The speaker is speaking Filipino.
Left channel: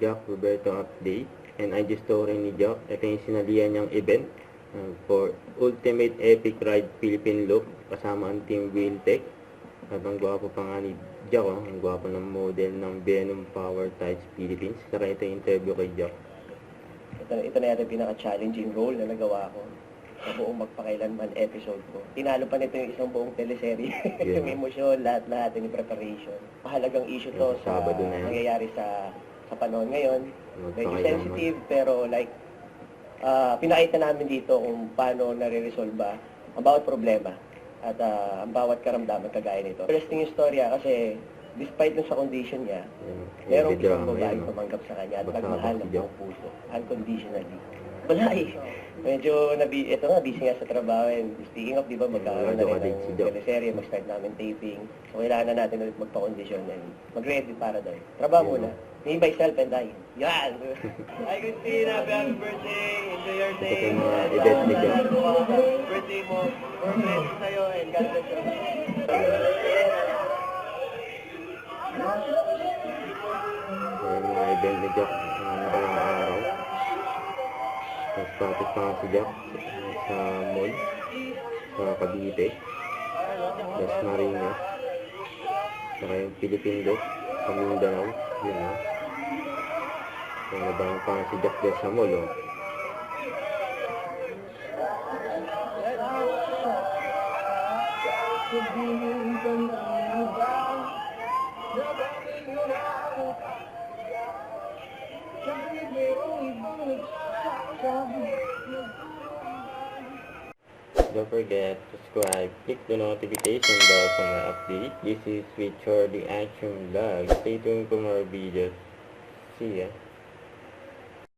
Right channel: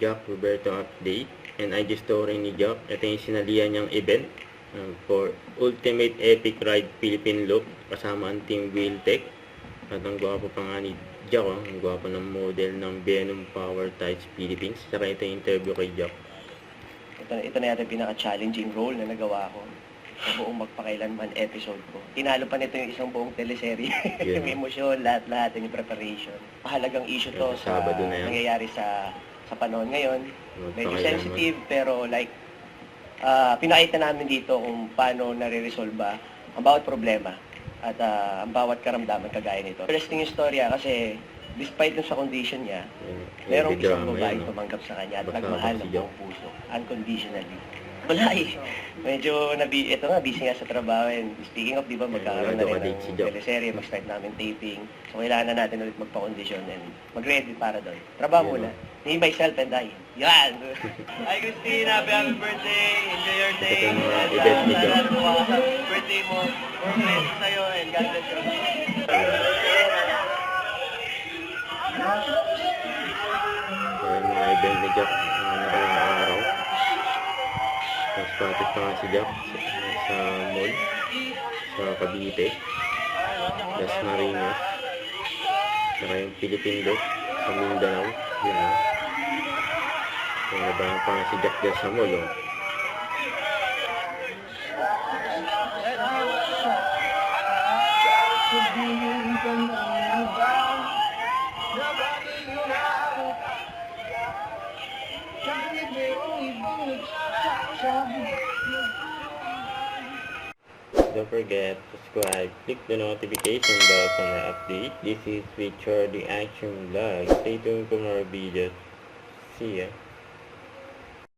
Jack Roberto update and IG story ni Jack. Ito yung sinalihan niyang event for Ultimate Epic Ride Philippine Loop kasama ang Team Wheeltech. At ang gwapo pa nga ni Jack, ang gwapo ng model ng Venom Power Tights Philippines. Saka ito yung interview kay Jack. Ito na yata pinaka-challenging role na nagawa ko sa buong magpakailanman episode ko. Tinalo pa nito yung isang buong teleserye. Yeah. Yung emosyon, lahat-lahat, yung preparation. Mahalagang issue to sa Sabado na yan. nangyayari sa panahon ngayon. Medyo Magpakailanman. sensitive, pero like, pinakita namin dito kung paano nare-resolve ang bawat problema at ang bawat karamdaman kagaya nito. Interesting yung storya kasi despite dun sa condition niya, merong isang babae tumanggap sa kanya at nagmahal ng buong puso, unconditionally. Wala eh. Medyo ito nga, busy nga sa trabaho. And speaking of, di ba, magkakaroon na rin ng teleserye, mag-start namin taping. So, kailangan na natin ulit magpa-condition and mag-ready para doon. Trabaho muna. Me, myself, and I. Yan! Hi, Christina! Happy birthday! Enjoy your day! Ito yung mga event ni Jack. Birthday mo. More blessings sa'yo and God bless you. So, yung mga event ni Jack nakarang araw. Spotted pa nga si Jack sa mall sa Cavite, Las Marinas, saka yung Philippine Loop sa Mindanao. Yun o. So, nabahan pa nga si Jack dyan sa mall o. Don't forget to subscribe, click the notification bell for more update. This is Richard the Action Vlog. Stay tuned for more videos. See ya.